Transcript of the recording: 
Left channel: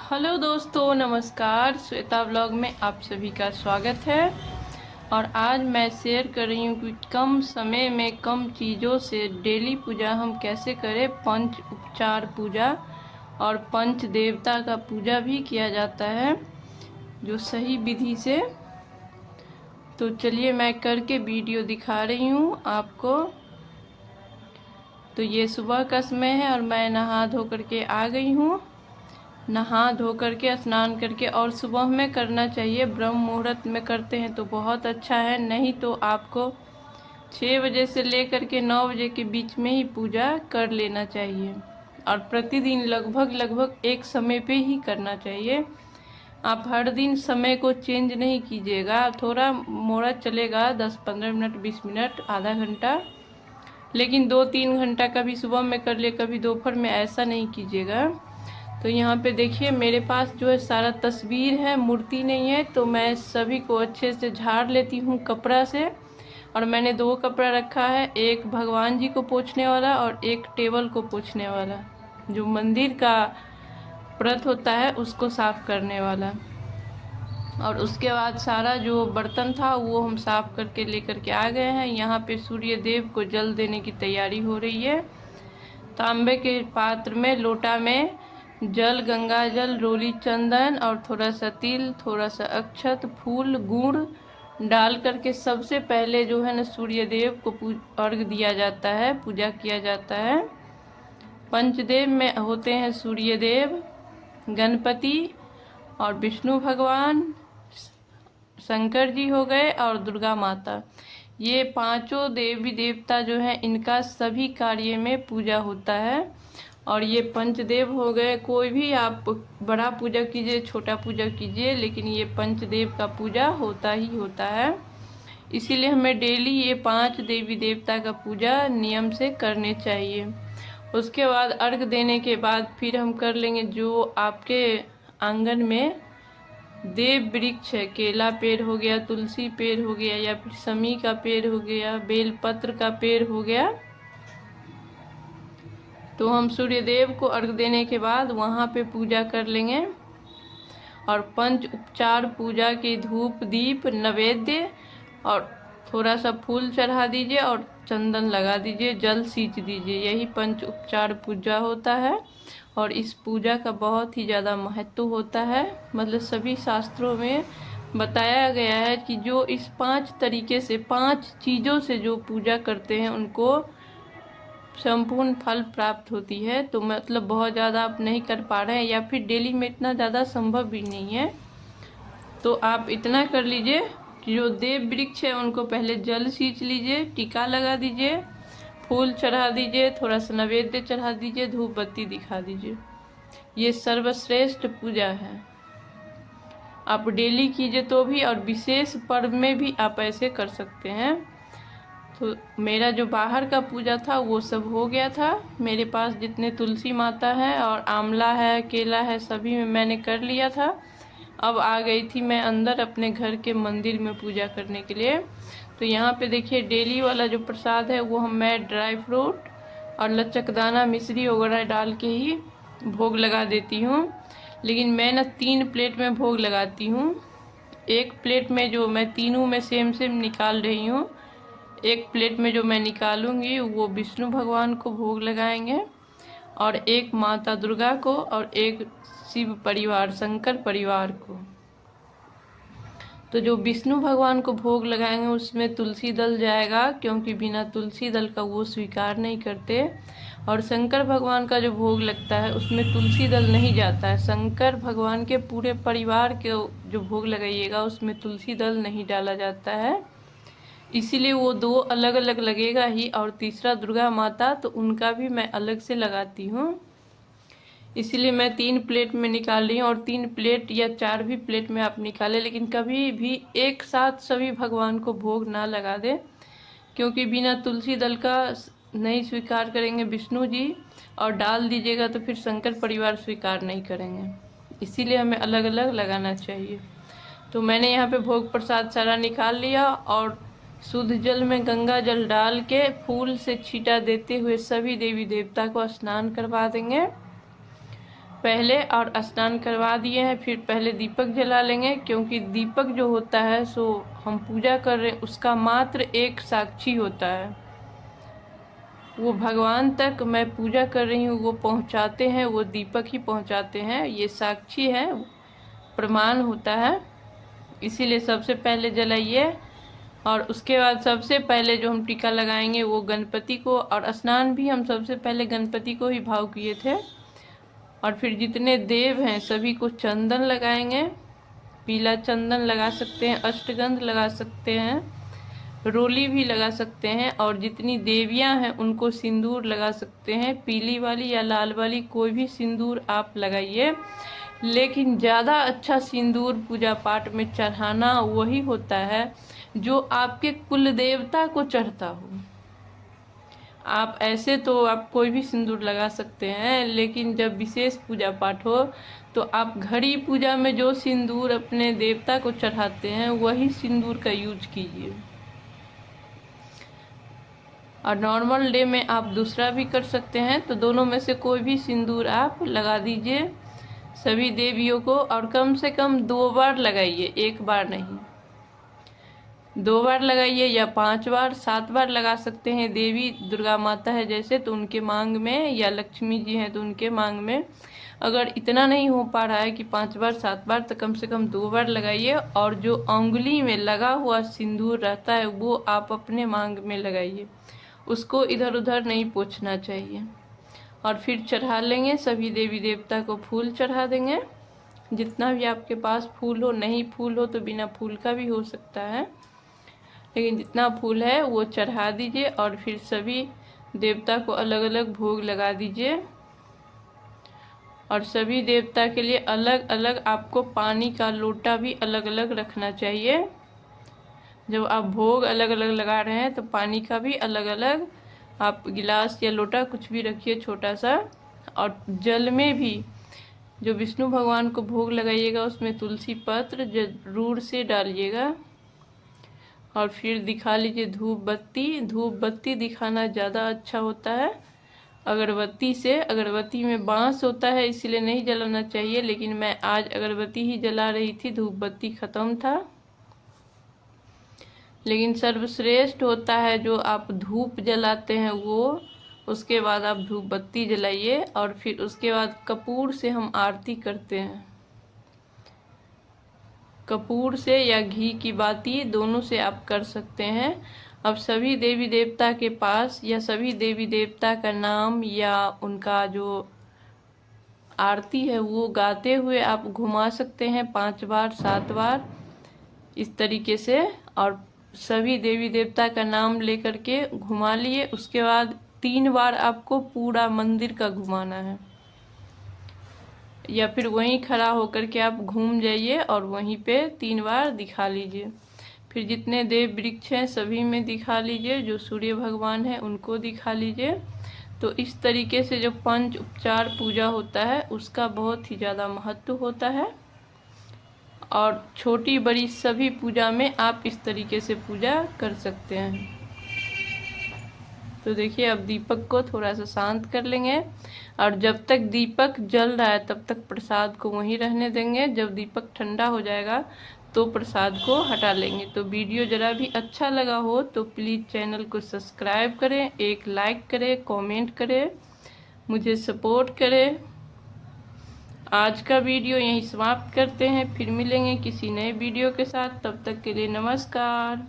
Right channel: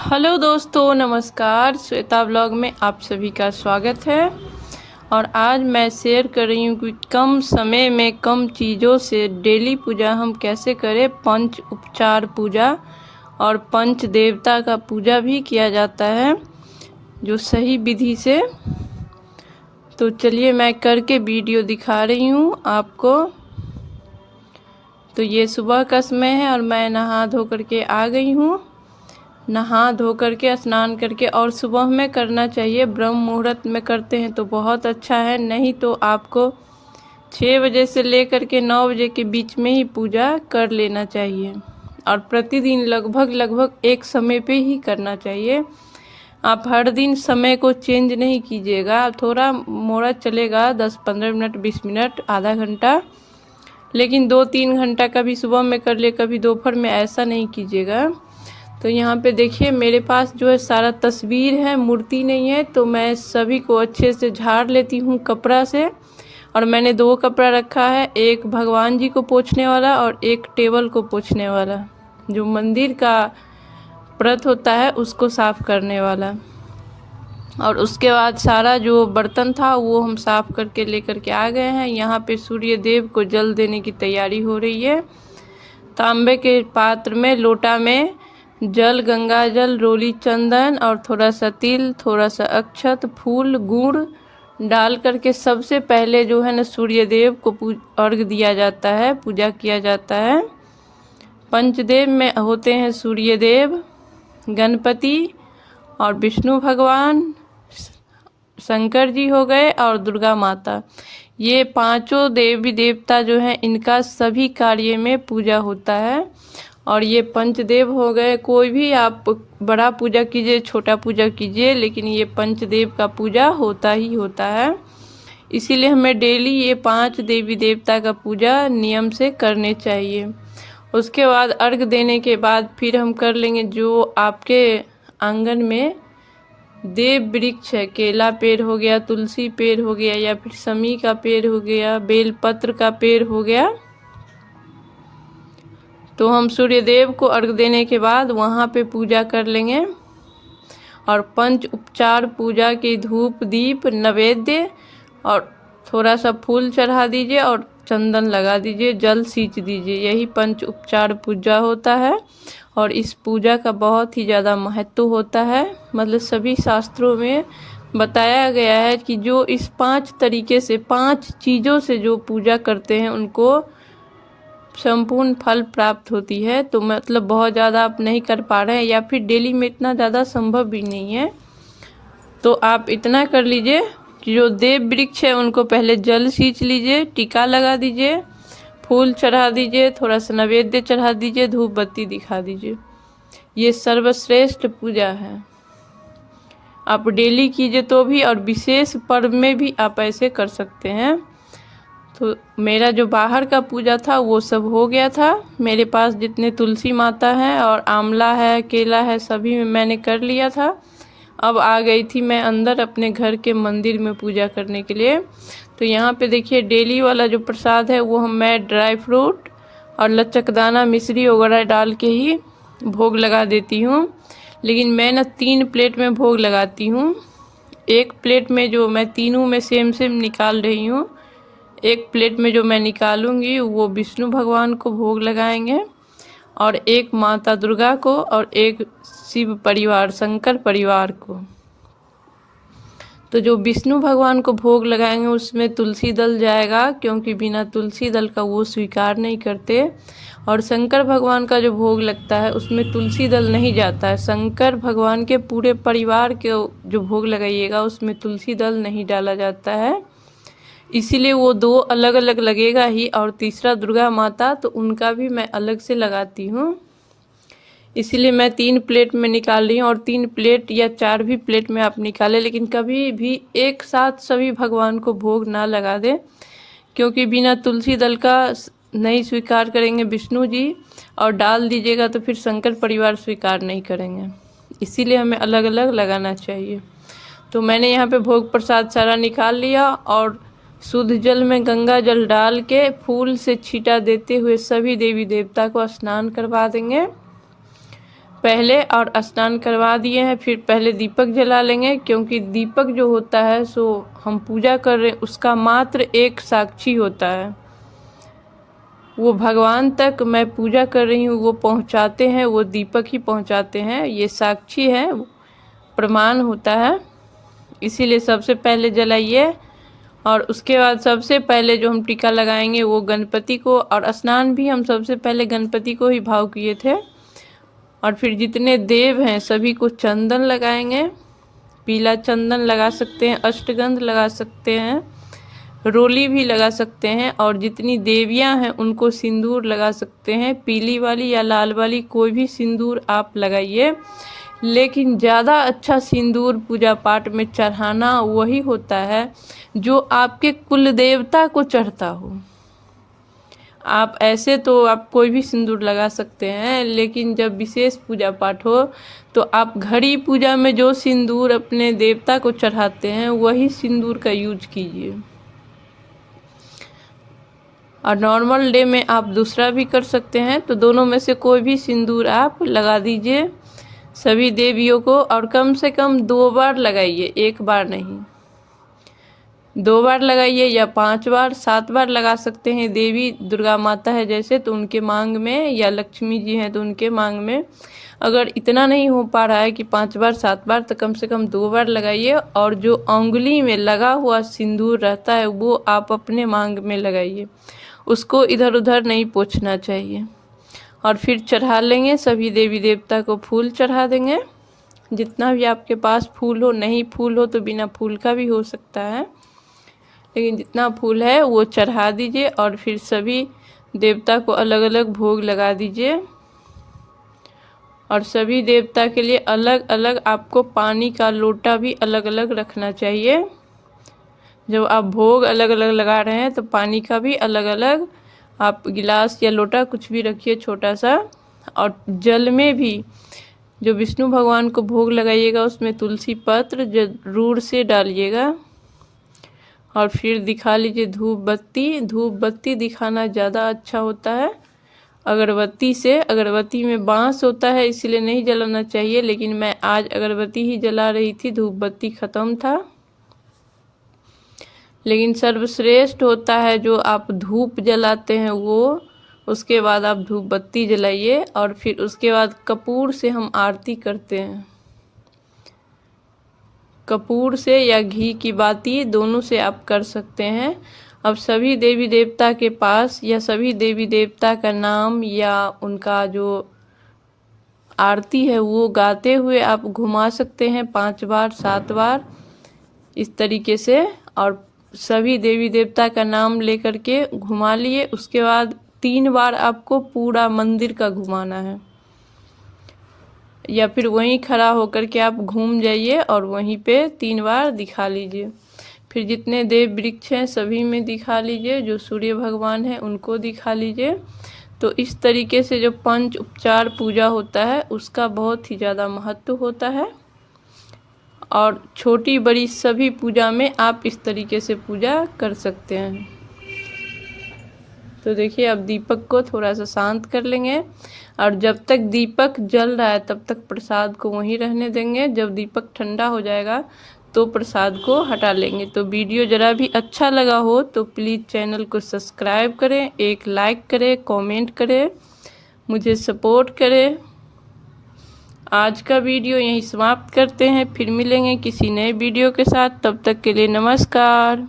Hello दोस्तों, नमस्कार। Shweta blog में आप सभी का स्वागत है। और आज मैं शेयर कर रही हूँ कि कम समय में कम चीज़ों से डेली पूजा हम कैसे करें। पंच उपचार पूजा और पंच देवता का पूजा भी किया जाता है जो सही विधि से। तो चलिए मैं करके वीडियो दिखा रही हूँ आपको। तो ये सुबह का समय है और मैं नहा धो करके आ गई हूँ। नहा धो करके स्नान करके, और सुबह में करना चाहिए, ब्रह्म मुहूर्त में करते हैं तो बहुत अच्छा है। नहीं तो आपको 6 बजे से लेकर के 9 बजे के बीच में ही पूजा कर लेना चाहिए। और प्रतिदिन लगभग एक समय पे ही करना चाहिए। आप हर दिन समय को चेंज नहीं कीजिएगा, थोड़ा मोड़ा चलेगा, 10-15 मिनट, 20 मिनट, आधा घंटा, लेकिन 2-3 घंटा कभी सुबह में कर ले, कभी दोपहर में, ऐसा नहीं कीजिएगा। तो यहाँ पे देखिए मेरे पास जो है सारा तस्वीर है, मूर्ति नहीं है। तो मैं सभी को अच्छे से झाड़ लेती हूँ कपड़ा से। और मैंने 2 कपड़ा रखा है, एक भगवान जी को पोंछने वाला और एक टेबल को पोंछने वाला, जो मंदिर का व्रत होता है उसको साफ करने वाला। और उसके बाद सारा जो बर्तन था वो हम साफ करके लेकर के आ गए हैं। यहाँ पे सूर्य देव को जल देने की तैयारी हो रही है। तांबे के पात्र में, लोटा में जल, गंगा जल, रोली चंदन और थोड़ा सा तिल, थोड़ा सा अक्षत, फूल, गुड़ डाल करके सबसे पहले जो है ना सूर्य देव को अर्घ दिया जाता है, पूजा किया जाता है। पंचदेव में होते हैं सूर्य देव, गणपति और विष्णु भगवान, शंकर जी हो गए और दुर्गा माता। ये पांचों देवी देवता जो हैं इनका सभी कार्य में पूजा होता है। और ये पंचदेव हो गए। कोई भी आप बड़ा पूजा कीजिए, छोटा पूजा कीजिए, लेकिन ये पंचदेव का पूजा होता ही होता है। इसीलिए हमें डेली ये 5 देवी देवता का पूजा नियम से करने चाहिए। उसके बाद अर्घ देने के बाद फिर हम कर लेंगे जो आपके आंगन में देव वृक्ष है, केला पेड़ हो गया, तुलसी पेड़ हो गया, या फिर समी का पेड़ हो गया, बेलपत्र का पेड़ हो गया। तो हम सूर्य देव को अर्घ देने के बाद वहाँ पे पूजा कर लेंगे। और पंच उपचार पूजा के धूप, दीप, नैवेद्य और थोड़ा सा फूल चढ़ा दीजिए और चंदन लगा दीजिए, जल सींच दीजिए। यही पंच उपचार पूजा होता है। और इस पूजा का बहुत ही ज़्यादा महत्व होता है। मतलब सभी शास्त्रों में बताया गया है कि जो इस 5 तरीके से, 5 चीज़ों से जो पूजा करते हैं उनको संपूर्ण फल प्राप्त होती है। तो मतलब बहुत ज़्यादा आप नहीं कर पा रहे हैं या फिर डेली में इतना ज़्यादा संभव भी नहीं है, तो आप इतना कर लीजिए कि जो देव वृक्ष है उनको पहले जल सींच लीजिए, टीका लगा दीजिए, फूल चढ़ा दीजिए, थोड़ा सा नैवेद्य चढ़ा दीजिए, धूप बत्ती दिखा दीजिए। ये सर्वश्रेष्ठ पूजा है। आप डेली कीजिए तो भी, और विशेष पर्व में भी आप ऐसे कर सकते हैं। तो मेरा जो बाहर का पूजा था वो सब हो गया था। मेरे पास जितने तुलसी माता है और आंवला है, केला है, सभी में मैंने कर लिया था। अब आ गई थी मैं अंदर अपने घर के मंदिर में पूजा करने के लिए। तो यहाँ पे देखिए डेली वाला जो प्रसाद है वो मैं ड्राई फ्रूट और लचकदाना, मिश्री वगैरह डाल के ही भोग लगा देती हूँ। लेकिन मैं ना 3 प्लेट में भोग लगाती हूँ। एक प्लेट में जो मैं तीनों में सेम निकाल रही हूँ, एक प्लेट में जो मैं निकालूंगी वो विष्णु भगवान को भोग लगाएंगे, और एक माता दुर्गा को, और एक शिव परिवार, शंकर परिवार को। तो जो विष्णु भगवान को भोग लगाएंगे उसमें तुलसी दल जाएगा, क्योंकि बिना तुलसी दल का वो स्वीकार नहीं करते। और शंकर भगवान का जो भोग लगता है उसमें तुलसी दल नहीं जाता है। शंकर भगवान के पूरे परिवार के जो भोग लगाइएगा उसमें तुलसी दल नहीं डाला जाता है। इसीलिए वो 2 अलग अलग लगेगा ही। और तीसरा दुर्गा माता, तो उनका भी मैं अलग से लगाती हूँ। इसीलिए मैं 3 प्लेट में निकाल रही हूँ। और 3 प्लेट या 4 भी प्लेट में आप निकालें, लेकिन कभी भी एक साथ सभी भगवान को भोग ना लगा दें, क्योंकि बिना तुलसी दल का नहीं स्वीकार करेंगे विष्णु जी, और डाल दीजिएगा तो फिर शंकर परिवार स्वीकार नहीं करेंगे। इसीलिए हमें अलग अलग लगाना चाहिए। तो मैंने यहाँ पे भोग प्रसाद सारा निकाल लिया, और शुद्ध जल में गंगा जल डाल के फूल से छींटा देते हुए सभी देवी देवता को स्नान करवा देंगे। पहले और स्नान करवा दिए हैं, फिर पहले दीपक जला लेंगे, क्योंकि दीपक जो होता है सो हम पूजा कर रहे हैं उसका मात्र एक साक्षी होता है। वो भगवान तक मैं पूजा कर रही हूँ वो पहुँचाते हैं, वो दीपक ही पहुँचाते हैं, ये साक्षी है, प्रमाण होता है। इसीलिए सबसे पहले जलाइए। और उसके बाद सबसे पहले जो हम टीका लगाएंगे वो गणपति को, और स्नान भी हम सबसे पहले गणपति को ही भाव किए थे। और फिर जितने देव हैं सभी को चंदन लगाएंगे, पीला चंदन लगा सकते हैं, अष्टगंध लगा सकते हैं, रोली भी लगा सकते हैं, और जितनी देवियां हैं उनको सिंदूर लगा सकते हैं, पीली वाली या लाल वाली कोई भी सिंदूर आप लगाइए। लेकिन ज़्यादा अच्छा सिंदूर पूजा पाठ में चढ़ाना वही होता है जो आपके कुल देवता को चढ़ता हो। आप ऐसे तो आप कोई भी सिंदूर लगा सकते हैं, लेकिन जब विशेष पूजा पाठ हो तो आप घड़ी पूजा में जो सिंदूर अपने देवता को चढ़ाते हैं वही सिंदूर का यूज कीजिए। और नॉर्मल डे में आप दूसरा भी कर सकते हैं, तो दोनों में से कोई भी सिंदूर आप लगा दीजिए सभी देवियों को। और कम से कम 2 बार लगाइए, 1 बार नहीं, 2 बार लगाइए, या 5 बार 7 बार लगा सकते हैं। देवी दुर्गा माता है जैसे तो उनके मांग में, या लक्ष्मी जी हैं तो उनके मांग में। अगर इतना नहीं हो पा रहा है कि 5 बार 7 बार, तो कम से कम 2 बार लगाइए। और जो उंगली में लगा हुआ सिंदूर रहता है वो आप अपने मांग में लगाइए, उसको इधर उधर नहीं पोंछना चाहिए। और फिर चढ़ा लेंगे, सभी देवी देवता को फूल चढ़ा देंगे, जितना भी आपके पास फूल हो। नहीं फूल हो तो बिना फूल का भी हो सकता है, लेकिन जितना फूल है वो चढ़ा दीजिए। और फिर सभी देवता को अलग अलग भोग लगा दीजिए। और सभी देवता के लिए अलग अलग आपको पानी का लोटा भी अलग अलग रखना चाहिए। जब आप भोग अलग अलग लगा रहे हैं तो पानी का भी अलग अलग आप गिलास या लोटा कुछ भी रखिए छोटा सा। और जल में भी जो विष्णु भगवान को भोग लगाइएगा उसमें तुलसी पत्र जरूर से डालिएगा। और फिर दिखा लीजिए धूप बत्ती। धूप बत्ती दिखाना ज़्यादा अच्छा होता है अगरबत्ती से। अगरबत्ती में बांस होता है इसलिए नहीं जलाना चाहिए, लेकिन मैं आज अगरबत्ती ही जला रही थी, धूप बत्ती ख़त्म था। लेकिन सर्वश्रेष्ठ होता है जो आप धूप जलाते हैं वो, उसके बाद आप धूप बत्ती जलाइए। और फिर उसके बाद कपूर से हम आरती करते हैं, कपूर से या घी की बाती दोनों से आप कर सकते हैं। अब सभी देवी देवता के पास या सभी देवी देवता का नाम या उनका जो आरती है वो गाते हुए आप घुमा सकते हैं 5 बार 7 बार इस तरीके से। और सभी देवी देवता का नाम लेकर के घुमा लिए। उसके बाद 3 बार आपको पूरा मंदिर का घुमाना है, या फिर वहीं खड़ा होकर के आप घूम जाइए और वहीं पे 3 बार दिखा लीजिए। फिर जितने देव वृक्ष हैं सभी में दिखा लीजिए, जो सूर्य भगवान हैं उनको दिखा लीजिए। तो इस तरीके से जो पंच उपचार पूजा होता है उसका बहुत ही ज़्यादा महत्व होता है। और छोटी बड़ी सभी पूजा में आप इस तरीके से पूजा कर सकते हैं। तो देखिए अब दीपक को थोड़ा सा शांत कर लेंगे। और जब तक दीपक जल रहा है तब तक प्रसाद को वहीं रहने देंगे। जब दीपक ठंडा हो जाएगा तो प्रसाद को हटा लेंगे। तो वीडियो ज़रा भी अच्छा लगा हो तो प्लीज़ चैनल को सब्सक्राइब करें, एक लाइक करें, कमेंट करें, मुझे सपोर्ट करें। आज का वीडियो यहीं समाप्त करते हैं, फिर मिलेंगे किसी नए वीडियो के साथ। तब तक के लिए नमस्कार।